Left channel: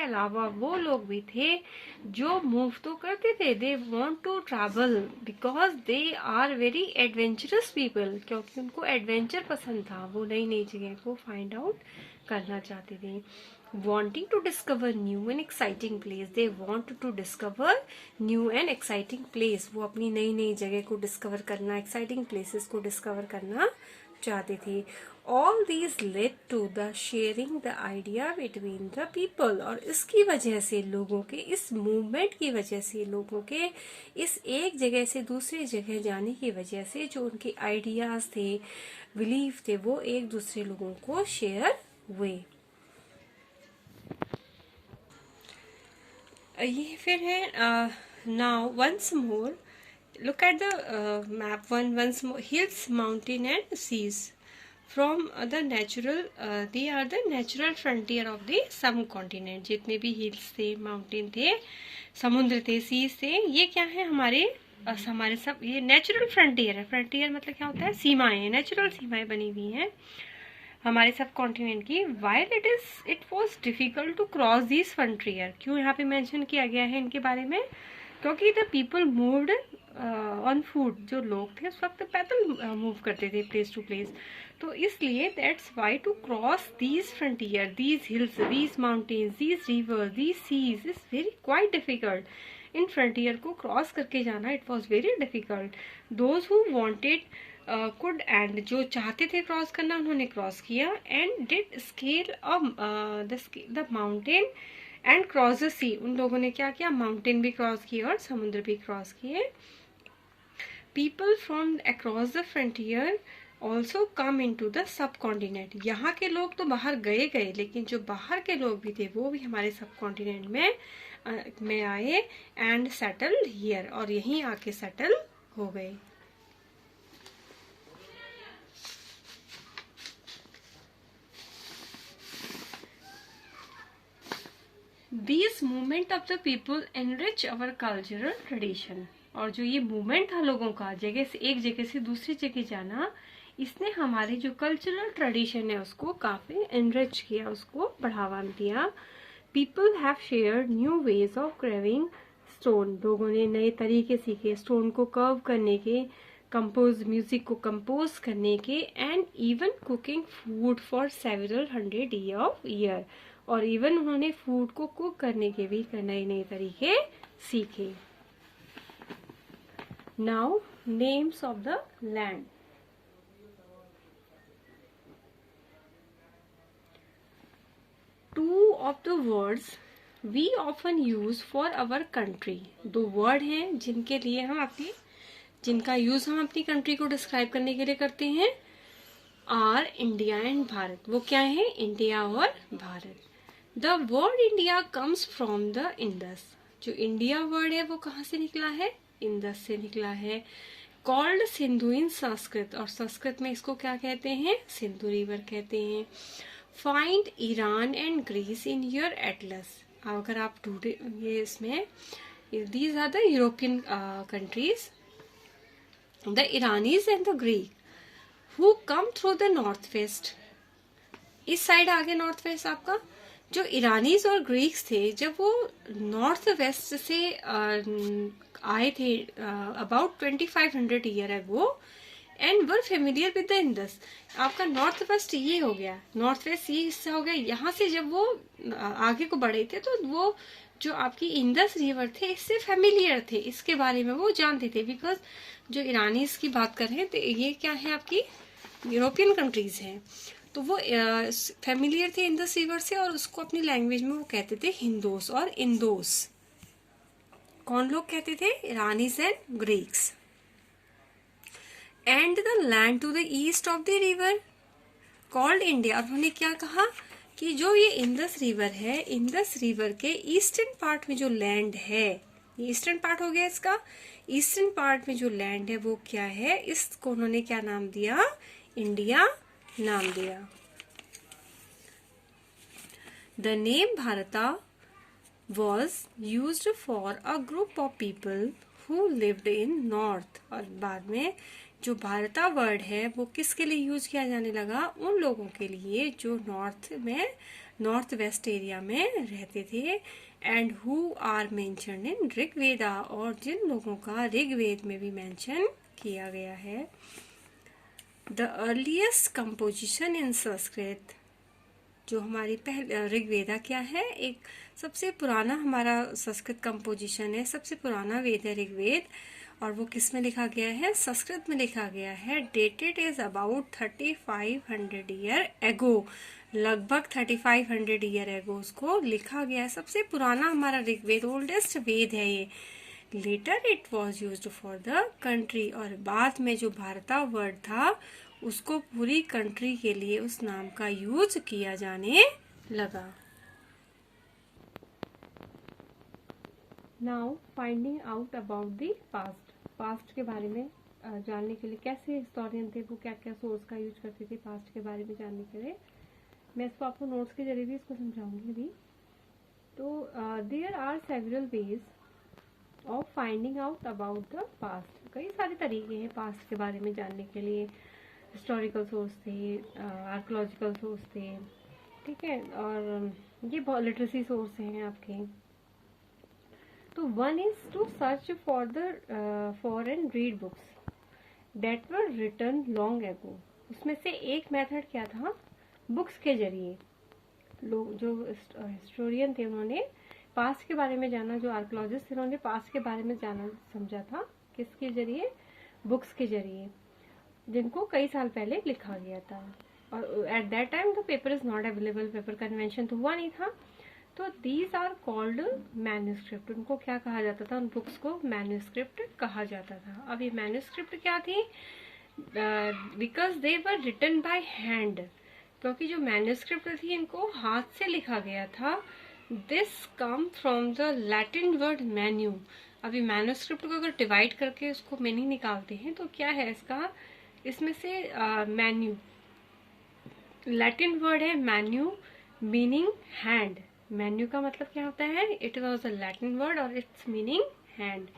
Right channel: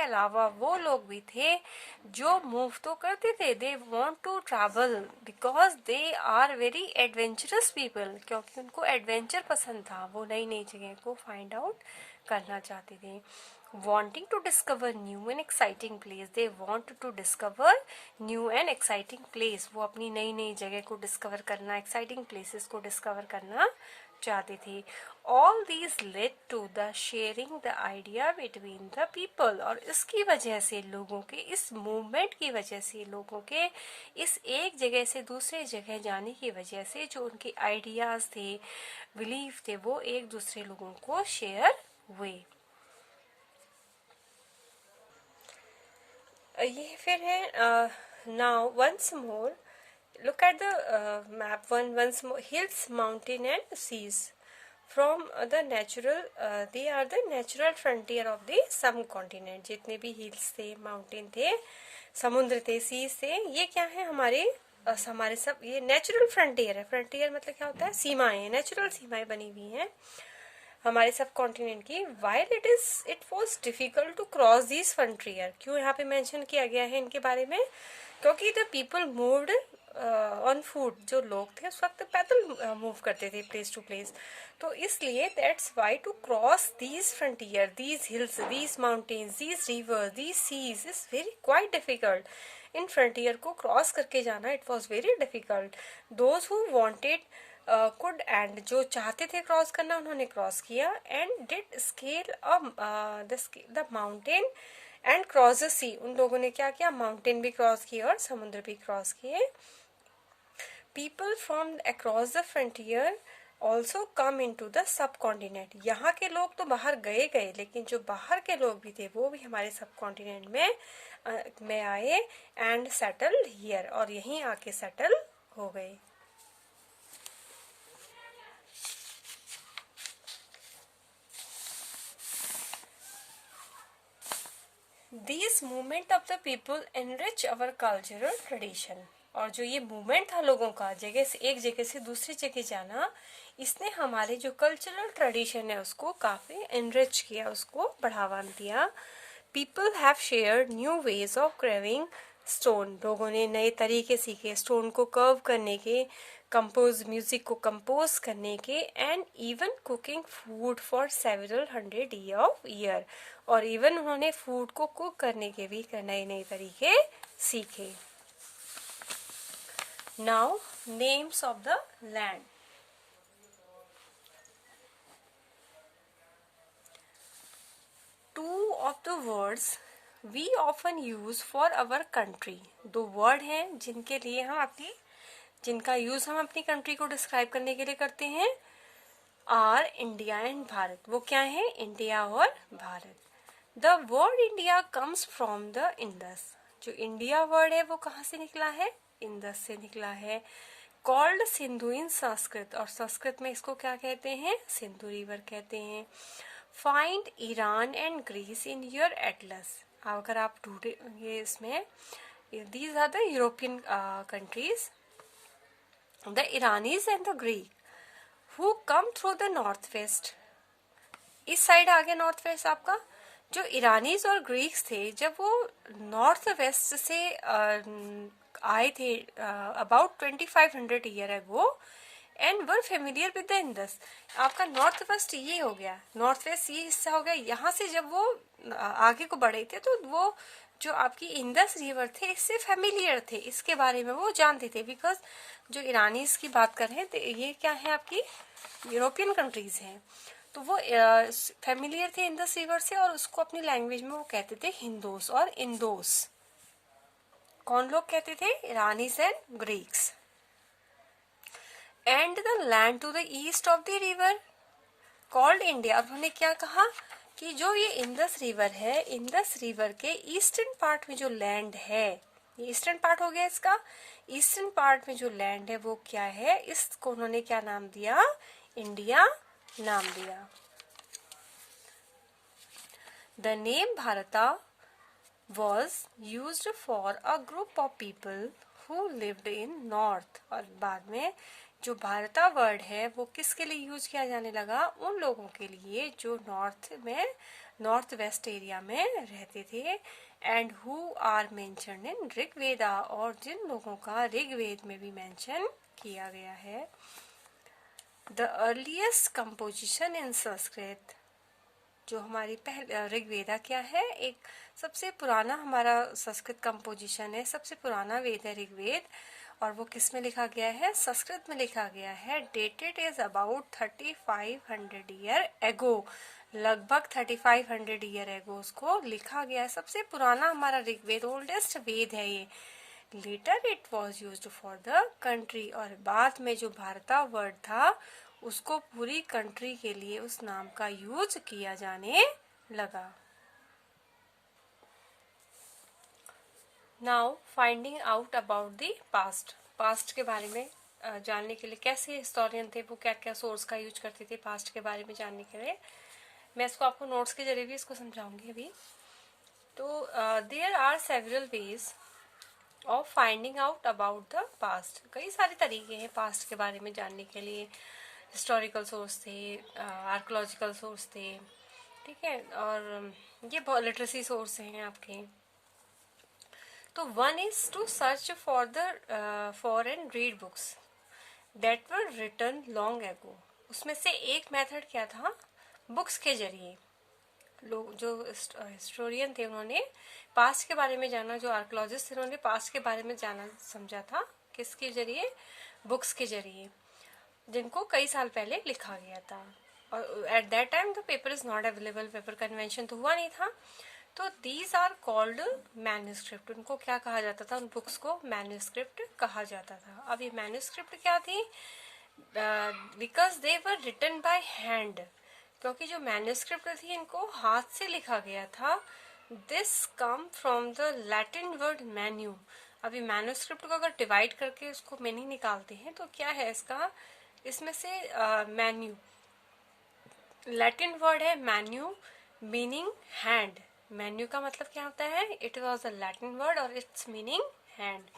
अलावा वो लोग भी थे जो मूव तो करते थे, they want to travel because they are very adventurous people, क्योंकि उनको एडवेंचर पसंद था, वो नई नई जगह को फाइंड आउट करना चाहते थे। wanting to discover new and exciting place, they want to discover new and exciting place, वो अपनी नई नई जगह को डिस्कवर करना, एक्साइटिंग प्लेसेस को डिस्कवर करना चाहते थे। all these led to the sharing the idea between the people, और इसकी वजह से लोगों के, इस मूवमेंट की वजह से, लोगों के इस एक जगह से दूसरे जगह जाने की वजह से जो उनके आइडियाज थे, बिलीफ थे, वो एक दूसरे लोगों को शेयर हुए। ये फिर है now once more look at the map once more, hills mountain and seas from the natural, they are the natural frontier of the subcontinent. जितने भी हिल्स थे, माउंटेन थे, समुद्र थे, सीज थे, ये क्या है हमारे हमारे सब, ये नेचुरल फ्रंटियर है। फ्रंटियर मतलब क्या होता है? सीमाएं, नेचुरल सीमाएं बनी हुई हैं हमारे सब कॉन्टिनेंट की। While it was difficult to cross this frontier, क्यों यहाँ पे मेंशन किया गया है इनके बारे में? क्योंकि the people moved on foot, जो लोग थे उस वक्त पैदल मूव करते थे प्लेस टू प्लेस, तो इसलिए that's why to cross these frontier, these hills, these mountains, these rivers, these seas is very quite difficult. इन फ्रंटियर को क्रॉस करके जाना it was very difficult. Those who wanted could, and जो चाहते थे cross करना उन्होंने क्रॉस किया, and did scale the mountain and cross the sea, उन लोगों ने क्या किया? माउंटेन भी क्रॉस किए और समुद्र भी क्रॉस किए। People from across the frontier also come in to the subcontinent, यहाँ के लोग तो बाहर गए, लेकिन जो बाहर के लोग भी थे वो भी हमारे सब कॉन्टिनेंट में आए, एंड सेटल हियर, और यहीं आके सेटल हो गए। This movement of the people enrich our cultural tradition, और जो ये मूवमेंट था लोगों का जगह से, एक जगह से दूसरी जगह जाना, इसने हमारे जो कल्चरल ट्रेडिशन है उसको काफी एनरिच किया, उसको बढ़ावा दिया। People have shared new ways of craving stone, लोगों ने नए तरीके सीखे स्टोन को कर्व करने के, कंपोज म्यूजिक को कंपोज करने के, and even cooking food for several 100 year, और इवन उन्होंने फूड को कुक करने के भी नए नए तरीके सीखे। Now names of the land. Two of the words we often use for our country, दो वर्ड हैं जिनके लिए हम अपनी, जिनका यूज हम अपनी कंट्री को डिस्क्राइब करने के लिए करते हैं, आर इंडिया एंड भारत। वो क्या है? इंडिया और Bharat. The word India comes from the Indus, जो इंडिया वर्ड है वो कहाँ से निकला है? इंडस से निकला है। कॉल्ड सिंधु इन संस्कृत, और संस्कृत में इसको क्या कहते हैं? सिंधु रिवर कहते हैं। Find Iran and Greece in your atlas, अगर आप ढूंढे ये इसमें, these are the European countries, the Iranis and the Greek who come through the north west. इस साइड आ गया नॉर्थ वेस्ट आपका। जो ईरानीज और ग्रीक्स थे जब वो नॉर्थ वेस्ट से आए थे about 2500 year ago, and were familiar with the Indus. आपका नॉर्थ वेस्ट ये हो गया, नॉर्थ वेस्ट ये हिस्सा हो गया। यहाँ से जब वो आगे को बढ़े थे तो वो जो आपकी इंडस रिवर थे इससे फेमिलियर थे, इसके बारे में वो जानते थे। बिकॉज जो ईरानीज की बात कर रहे हैं तो ये क्या है? आपकी यूरोपियन कंट्रीज हैं, तो वो फेमिलियर थे इंडस रिवर से, और उसको अपनी लैंग्वेज में वो कहते थे हिंदोस और इंदोस। कौन लोग कहते थे? Iranis and Greeks. And the land to the east of the river called India, और उन्होंने क्या कहा कि जो ये इंडस रिवर है, इंडस रिवर के ईस्टर्न पार्ट में जो लैंड है, ये ईस्टर्न पार्ट हो गया इसका, ईस्टर्न पार्ट में जो लैंड है वो क्या है? इसको उन्होंने क्या नाम दिया? इंडिया नाम दिया। द नेम भारता was used for a group of people who lived in north, और बाद में जो भारता वर्ड है वो किसके लिए यूज किया जाने लगा? उन लोगों के लिए जो नॉर्थ में नॉर्थ वेस्ट एरिया में रहते थे, and who are mentioned in Rigveda, और जिन लोगों का ऋग्वेद में भी मेंशन किया गया है। The earliest composition in Sanskrit, जो हमारी पहले ऋग्वेदा क्या है, एक सबसे पुराना हमारा संस्कृत कंपोजिशन है, सबसे पुराना वेद है ऋग्वेद, और वो किस में लिखा गया है, संस्कृत में लिखा गया है। Dated is about 3500 year ago, लगभग 3500 ईयर एगो उसको लिखा गया है। सबसे पुराना हमारा ऋग्वेद, ओल्डेस्ट वेद है ये। Later it was used for the country, और बाद में जो भारता वर्ड था उसको पूरी कंट्री के लिए उस नाम का यूज किया जाने लगा। Now finding out about the past, past के बारे में जानने के लिए कैसे हिस्टोरियन थे, वो क्या क्या सोर्स का यूज करते थे पास्ट के बारे में जानने के लिए। मैं इसको आपको नोट्स के जरिए भी इसको समझाऊंगी अभी। तो there are several ways of finding out about the past, कई सारे तरीके हैं पास्ट के बारे में जानने के लिए। हिस्टोरिकल सोर्स थे, आर्कोलॉजिकल सोर्स थे, ठीक है, और ये लिटरेसी सोर्स हैं आपके। तो one is to search for and read books that were written long ago. उसमें से एक मेथड क्या था, बुक्स के जरिए लोग, जो हिस्टोरियन थे उन्होंने पास्ट के बारे में जाना, जो आर्कोलॉजिस्ट थे उन्होंने पास्ट के बारे में जाना समझा था किसके जरिए, बुक्स के जरिए, जिनको कई साल पहले लिखा गया था। और at that time the paper is not available, paper का इन्वेंशन तो हुआ नहीं था। तो दीज आर कॉल्ड मैन्यूस्क्रिप्ट, उनको क्या कहा जाता था, उन बुक्स को मैन्यूस्क्रिप्ट कहा जाता था। अब ये मैन्यूस्क्रिप्ट क्या थी, because they were written by hand, क्योंकि जो मैन्यूस्क्रिप्ट थी इनको हाथ से लिखा गया था। This come from the Latin word menu. अभी मैन्यूस्क्रिप्ट को अगर डिवाइड करके उसको मीनिंग निकालते हैं तो क्या है इसका, इसमें से मैन्यू लैटिन वर्ड है, मैन्यू मीनिंग हैंड। मैन्यू का मतलब क्या होता है, it was a Latin word और its meaning hand.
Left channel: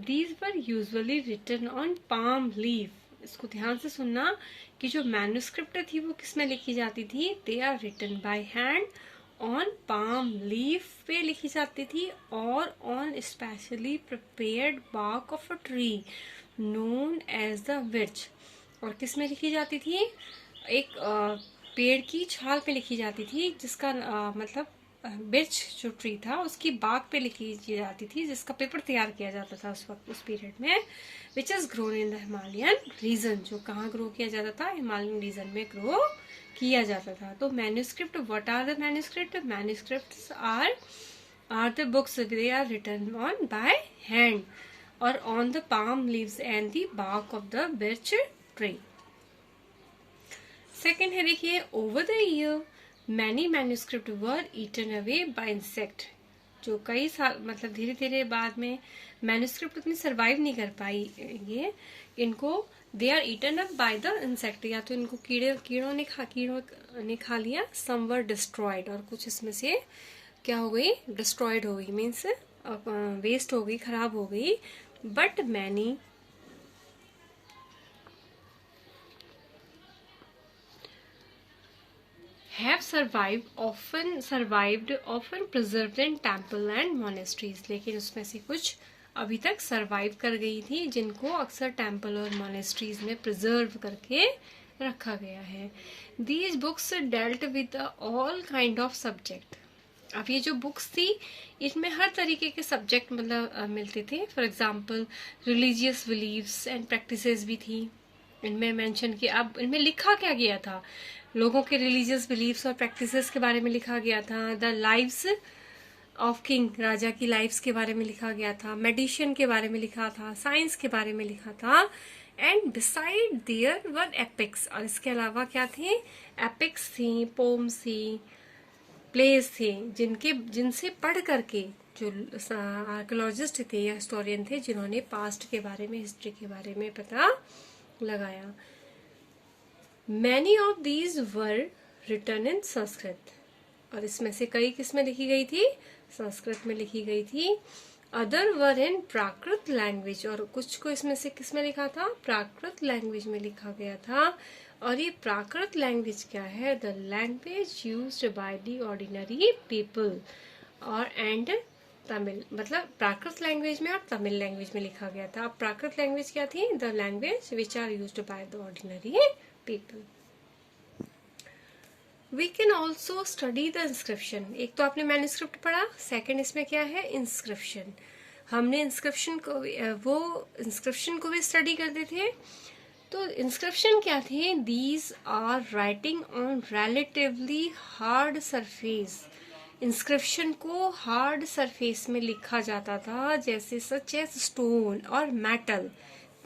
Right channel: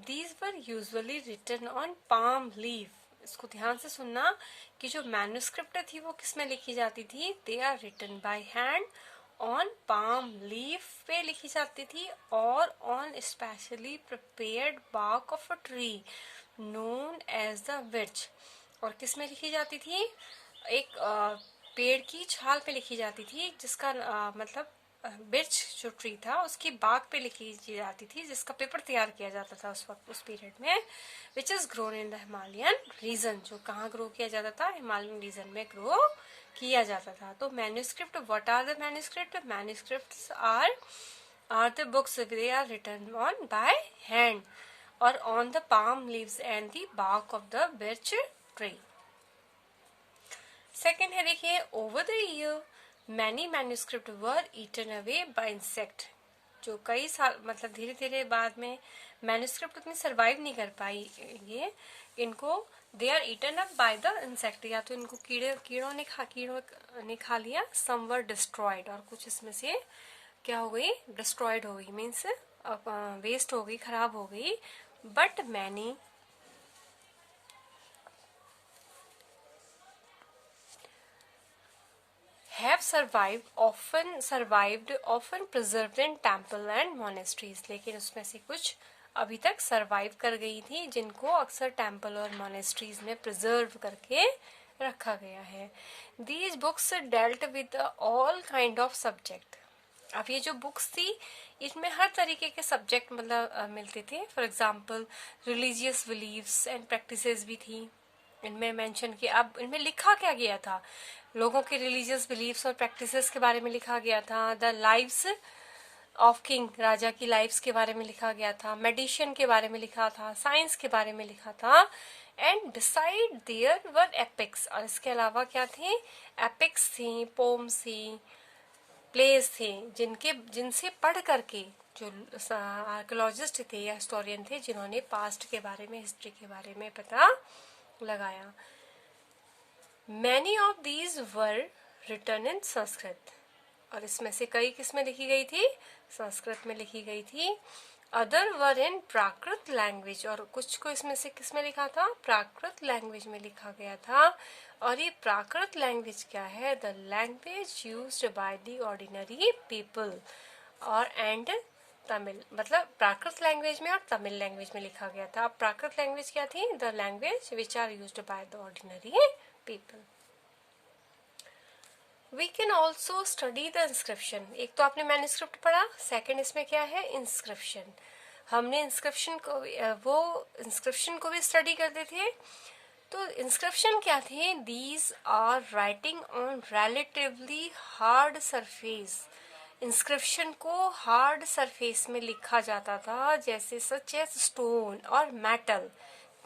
These were usually written on palm leaf, इसको ध्यान से सुनना कि जो मैन्यूस्क्रिप्ट थी वो किस में लिखी जाती थी, they are written by hand on palm leaf पे लिखी जाती थी, और on specially prepared bark of a tree known as the birch. और किस में लिखी जाती थी, एक पेड़ की छाल पे लिखी जाती थी, जिसका मतलब बिर्च जो ट्री था उसकी बाग पे लिखी जाती थी, जिसका पेपर तैयार किया जाता था उस वक्त, उस पीरियड में, which is grown in the Himalayan region, जो कहाँ ग्रो किया जाता था, हिमालयन रीजन में ग्रो किया जाता था। तो manuscript, what are the manuscript, manuscripts are the books, they are written on by hand और on the palm leaves and the bark of the birch tree. Second है देखिए, over the year many manuscript were eaten away by insect, जो कई साल मतलब धीरे धीरे बाद में मैन्यूस्क्रिप्ट उतनी सर्वाइव नहीं कर पाई, ये इनको they are eaten up by the insect, या तो इनको कीड़ों ने खा लिया, सम वर डिस्ट्रॉयड, और कुछ इसमें से क्या हो गई, डिस्ट्रॉयड हो गई, मीन्स वेस्ट हो गई, खराब हो गई। But many have survived often preserved in temple and monasteries, लेकिन उसमें से कुछ अभी तक सरवाइव कर गई थी, जिनको अक्सर टेम्पल और मोनेस्ट्रीज में प्रिजर्व करके रखा गया है। These books dealt with all kind of subject. अब ये जो बुक्स थी इसमें हर तरीके के सब्जेक्ट मतलब मिलते थे। For example religious beliefs and practices भी थी इनमें मेंशन किया। अब इनमें लिखा क्या गया था, लोगों के रिलीजियस बिलीव्स और प्रैक्टिसेस के बारे में लिखा गया था। द लाइव्स ऑफ किंग, राजा की लाइव्स के बारे में लिखा गया था। मेडिशियन के बारे में लिखा था, साइंस के बारे में लिखा था। And beside there were epics, और इसके अलावा क्या थे, एपिक्स थी, पोम्स थी, प्लेस थे, जिनसे पढ़ करके जो आर्कोलॉजिस्ट थे या हिस्टोरियन थे, जिन्होंने पास्ट के बारे में, हिस्ट्री के बारे में पता लगाया। Many of these were written in Sanskrit, और इसमें से कई किसमें लिखी गई थी, संस्कृत में लिखी गई थी। अदर वर इन प्राकृत लैंग्वेज, और कुछ को इसमें से किसमें लिखा था, प्राकृत लैंग्वेज में लिखा गया था। और ये प्राकृत लैंग्वेज क्या है? The language used by the ordinary people. और एंड तमिल, मतलब प्राकृत लैंग्वेज में और तमिल लैंग्वेज में लिखा गया था। अब प्राकृत लैंग्वेज क्या थी? The language which are used by the ordinary people. We can also study the inscription. एक तो आपने मैन्युस्क्रिप्ट पढ़ा, सेकेंड इसमें क्या है? इंस्क्रिप्शन। हमने इंस्क्रिप्शन को भी स्टडी करते थे। तो इंस्क्रिप्शन क्या थे? These are writing on relatively hard surface. Inscription को हार्ड सरफेस में लिखा जाता था, जैसे सच एज स्टोन और मेटल,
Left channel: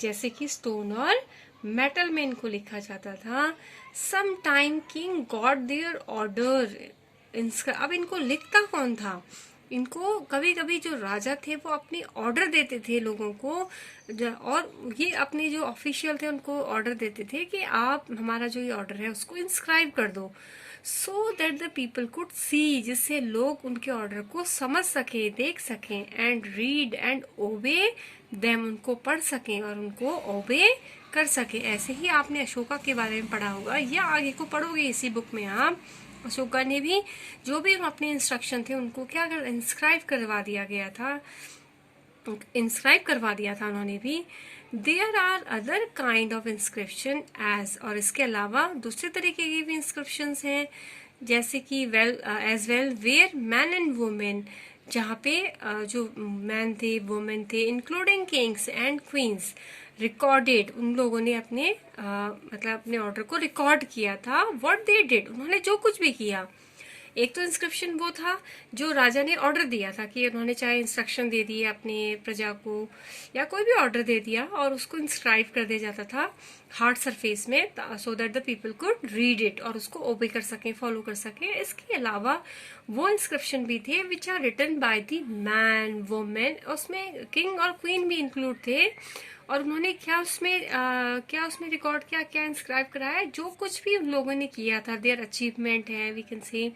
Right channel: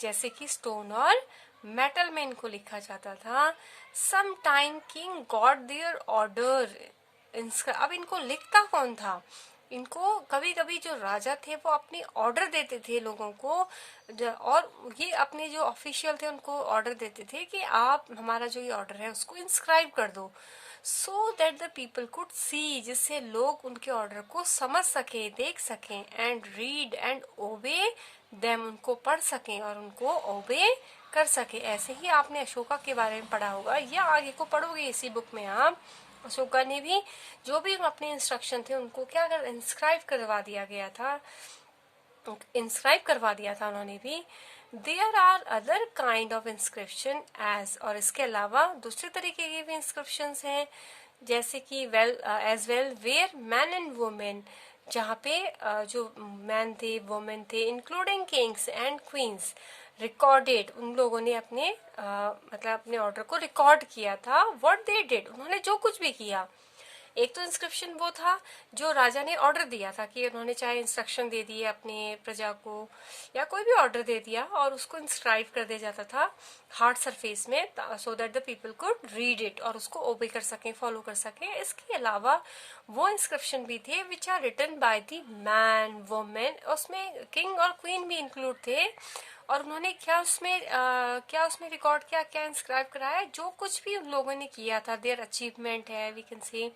जैसे कि स्टोन और मेटल में इनको लिखा जाता था। Some time king got there order. अब इनको लिखता कौन था? इनको कभी कभी जो राजा थे वो अपने ऑर्डर देते थे लोगों को, और ये अपने जो ऑफिशियल थे उनको ऑर्डर देते थे कि आप हमारा जो ये ऑर्डर है उसको इंस्क्राइब कर दो, so that the people could see, जिससे लोग उनके ऑर्डर को समझ सके, देख सकें, एंड रीड एंड ओबे देम, उनको पढ़ सकें और उनको ओबे कर सके। ऐसे ही आपने अशोका के बारे में पढ़ा होगा, या आगे को पढ़ोगे इसी बुक में आप। अशोका ने भी जो भी अपने इंस्ट्रक्शन थे उनको क्या कर इंस्क्राइब करवा दिया गया था, इंस्क्राइब करवा दिया था उन्होंने भी। There are other kind of inscription as, और इसके अलावा दूसरे तरीके के भी इंस्क्रिप्शन हैं, जैसे कि as well where man and women, जहाँ पे जो मैन थे, वुमेन थे, including kings and queens, recorded, उन लोगों ने अपने मतलब अपने ऑर्डर को रिकॉर्ड किया था। व्हाट दे डिड, उन्होंने जो कुछ भी किया। एक तो इंस्क्रिप्शन वो था जो राजा ने ऑर्डर दिया था, कि उन्होंने चाहे इंस्ट्रक्शन दे दिए अपने प्रजा को या कोई भी ऑर्डर दे दिया और उसको इंस्क्राइब कर दिया जाता था हार्ड सरफेस में, so that the people could read it और उसको ओबे कर सकें, फॉलो कर सकें। इसके अलावा वो इंस्क्रिप्शन भी थे which are written by the man women, उसमें किंग और क्वीन भी इंक्लूड थे, और उन्होंने क्या उसमें रिकॉर्ड किया, क्या इंस्क्राइब कराया, जो कुछ भी उन लोगों ने किया था, देयर अचीवमेंट है वी कैन से,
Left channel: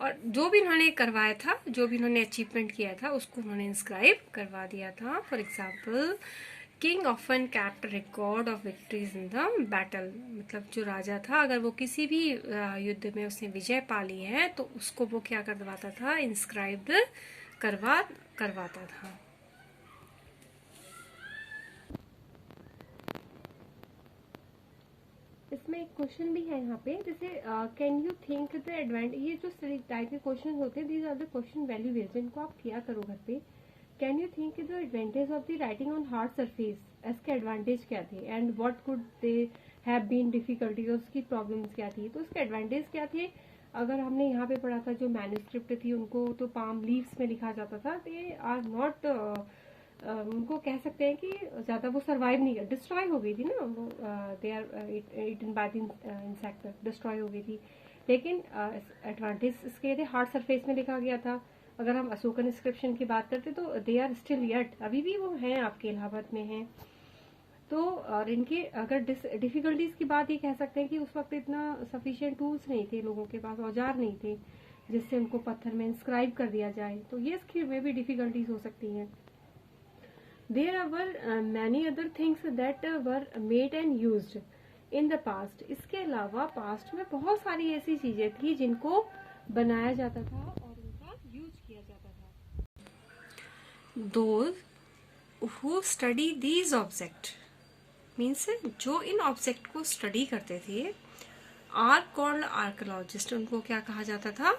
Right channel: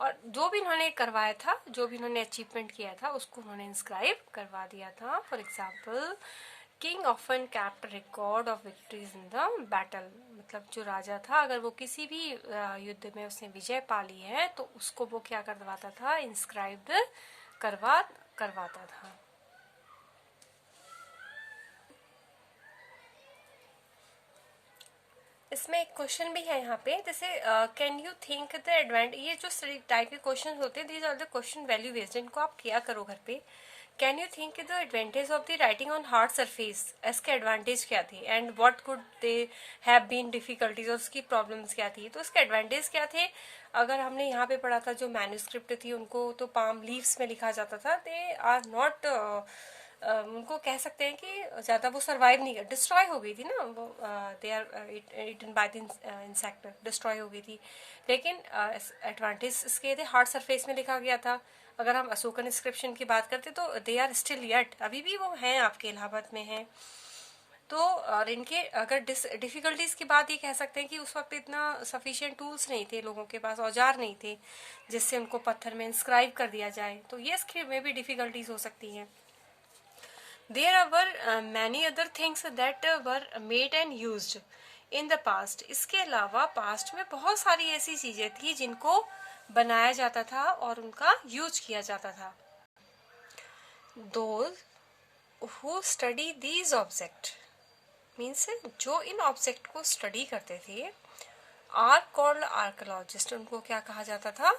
और जो भी उन्होंने करवाया था, जो भी उन्होंने अचीवमेंट किया था उसको उन्होंने इंस्क्राइब करवा दिया था। For example, king often kept record of victories in the battle, मतलब जो राजा था अगर वो किसी भी युद्ध में उसने विजय पा ली है तो उसको वो क्या करवाता था? इंस्क्राइब करवाता था। इसमें एक क्वेश्चन भी है यहाँ पे, जैसे can you think the advantage, ये जो टाइप के क्वेश्चन होते हैं these are the question value based, इनको आप किया करो घर पे। Can you think the advantage of the writing on hard surface, इसके एडवांटेज क्या थे, and what could they have been difficulties, और उसकी प्रॉब्लम्स क्या थी। तो इसके एडवांटेज क्या थे? अगर हमने यहाँ पे पढ़ा था जो मैन्युस्क्रिप्ट थी उनको तो पाम लीव्स में लिखा जाता था, दे आर नॉट, उनको कह सकते हैं कि ज़्यादा वो सर्वाइव नहीं कर, डिस्ट्रॉय हो गई थी ना वो, they are eaten by the insect, destroy हो गई थी। लेकिन एडवांटेज इसके थे, हार्ड सरफेस में लिखा गया था। अगर हम अशोकन इंस्क्रिप्शन की बात करते तो दे आर स्टिल येट, अभी भी वो हैं, आपके इलाहाबाद में हैं। तो और इनके अगर डिफिकल्टीज की बात ये कह सकते हैं कि उस वक्त इतना सफिशिएंट टूल्स नहीं थे, लोगों के पास औजार नहीं थे जिससे उनको पत्थर में इंस्क्राइब कर दिया जाए, तो ये इसके में भी डिफिकल्टीज हो सकती हैं। There were many other things that were made and used in the past. इसके अलावा पास्ट में बहुत सारी ऐसी चीजें थी जिनको बनाया जाता था और उनका यूज किया जाता था। Those who study these objects means जो इन ऑब्जेक्ट को स्टडी करते थे आर कॉल्ड आर्कोलॉजिस्ट, उनको क्या कहा जाता था?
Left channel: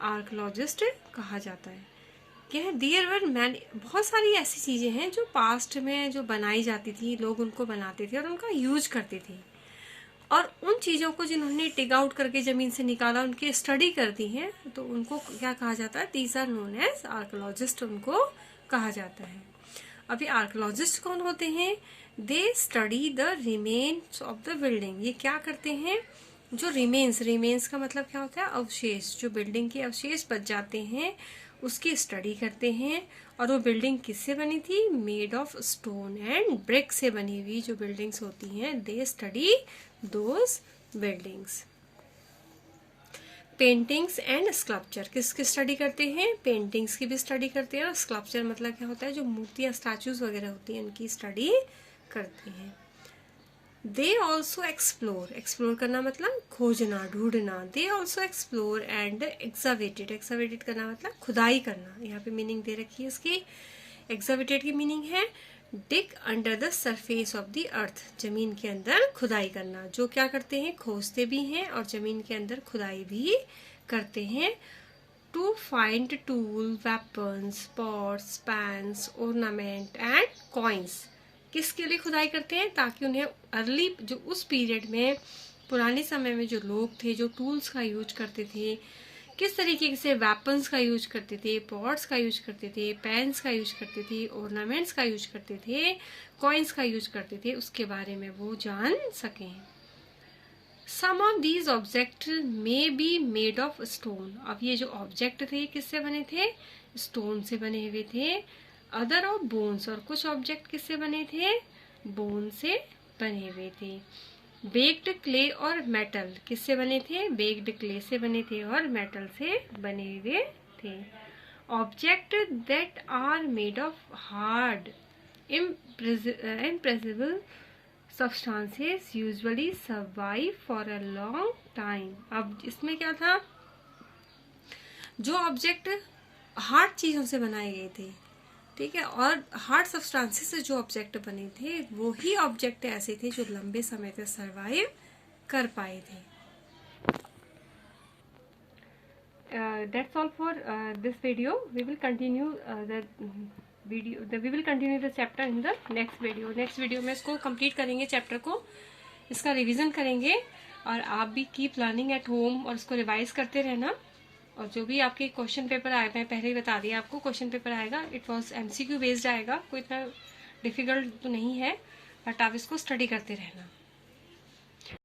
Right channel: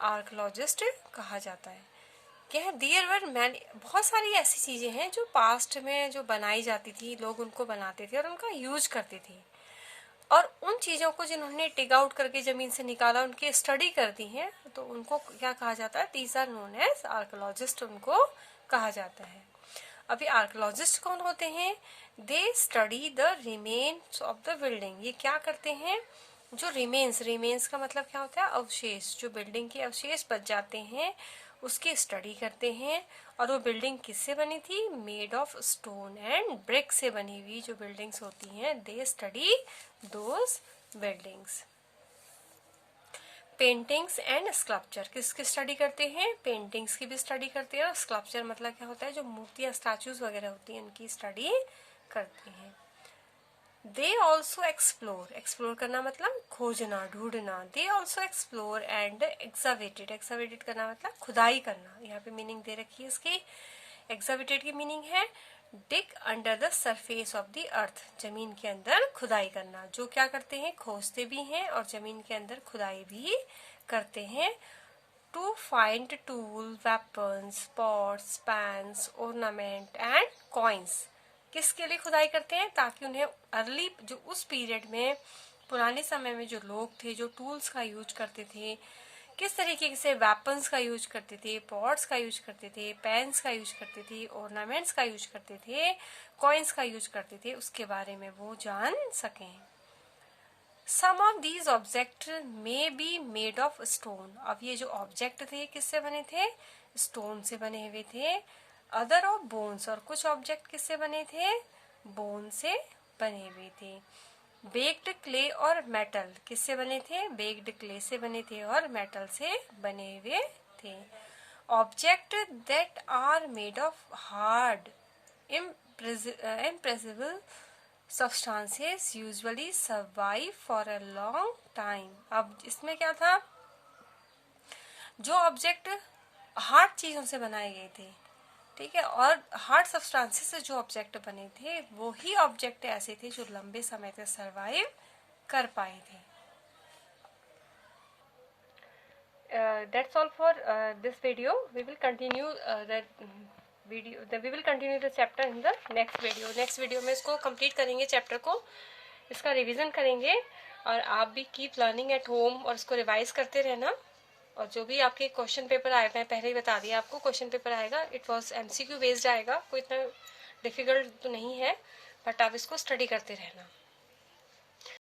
आर्कोलॉजिस्ट कहा जाता है। देयर वर मैनी, बहुत सारी ऐसी चीजें हैं जो पास्ट में जो बनाई जाती थी, लोग उनको बनाते थे और उनका यूज करते थे, और उन चीजों को जिन्होंने टिग आउट करके जमीन से निकाला, उनकी स्टडी करती हैं, तो उनको क्या कहा जाता है? These are known as archaeologist, उनको कहा जाता है। अभी आर्कोलॉजिस्ट कौन होते हैं? They study the remains of the building, ये क्या करते हैं? जो रिमेन्स का मतलब क्या होता है? अवशेष, जो बिल्डिंग के अवशेष बच जाते हैं उसकी स्टडी करते हैं। और वो बिल्डिंग किससे बनी थी? Made of stone and brick से बनी हुई जो बिल्डिंग्स होती हैं, they study those buildings. Paintings and sculpture किसकी स्टडी करते हैं? पेंटिंग्स की भी स्टडी करते हैं, और स्कल्पचर मतलब क्या होता है? जो मूर्तियां, स्टैचूज वगैरह होती हैं उनकी स्टडी करते हैं। दे ऑल्सो एक्सप्लोर, एक्सप्लोर करना मतलब खोजना, ढूंढना। दे ऑल्सो एक्सप्लोर एंड एक्सावेटेड, एक्सावेटेड करना मतलब खुदाई करना। यहाँ पे मीनिंग दे रखी है इसकी। एक्सावेटेड की मीनिंग है dig under the surface of the earth, जमीन के अंदर खुदाई करना। जो क्या करते हैं, खोजते भी हैं और जमीन के अंदर खुदाई भी करते हैं। To find tool, weapons, pots, pans, ornament and coins. किसके लिए खुदाई करते हैं, ताकि उन्हें अर्ली, जो उस पीरियड में, पुराने समय में जो लोग थे जो टूल्स का यूज करते थे, किस तरीके से वेपन्स का यूज करते थे, पॉट्स का यूज करते थे, पेन्स का यूज करते थे, ऑर्नामेंट्स का यूज करते थे, कॉइन्स का यूज करते थे, उसके बारे में वो जान सकें। Some of these object may be made of stone. अब ये जो ऑब्जेक्ट थे किससे बने थे, स्टोन से बने हुए थे। अदर ऑफ बोन्स, और कुछ ऑब्जेक्ट किससे बने थे, बोन से बने हुए थे। बेक्ड क्ले और मेटल किससे बने थे, बेक्ड क्ले से बने थे और मेटल से बने हुए थे। Object that are made of hard impressible substances usually survive for a long time। अब इसमें क्या था, जो ऑब्जेक्ट हार्ड चीजों से बनाए गए थे, ठीक है, और हार्ड सब्सटेंसेस से जो ऑब्जेक्ट बने थे वो ही ऑब्जेक्ट ऐसे थे जो लंबे समय तक सरवाइव कर पाए थे। That's all for this video. We will continue we will continue the chapter in the next video. Next video में इसको complete करेंगे, चैप्टर को, इसका रिवीजन करेंगे। और आप भी कीप लर्निंग एट होम और इसको रिवाइज करते रहना। और जो भी आपके क्वेश्चन पेपर आएगा, मैं पहले ही बता दिया आपको, क्वेश्चन पेपर आएगा, इट वॉज MCQ बेस्ड आएगा, कोई इतना डिफिकल्ट तो नहीं है, बट आप इसको स्टडी करते रहना।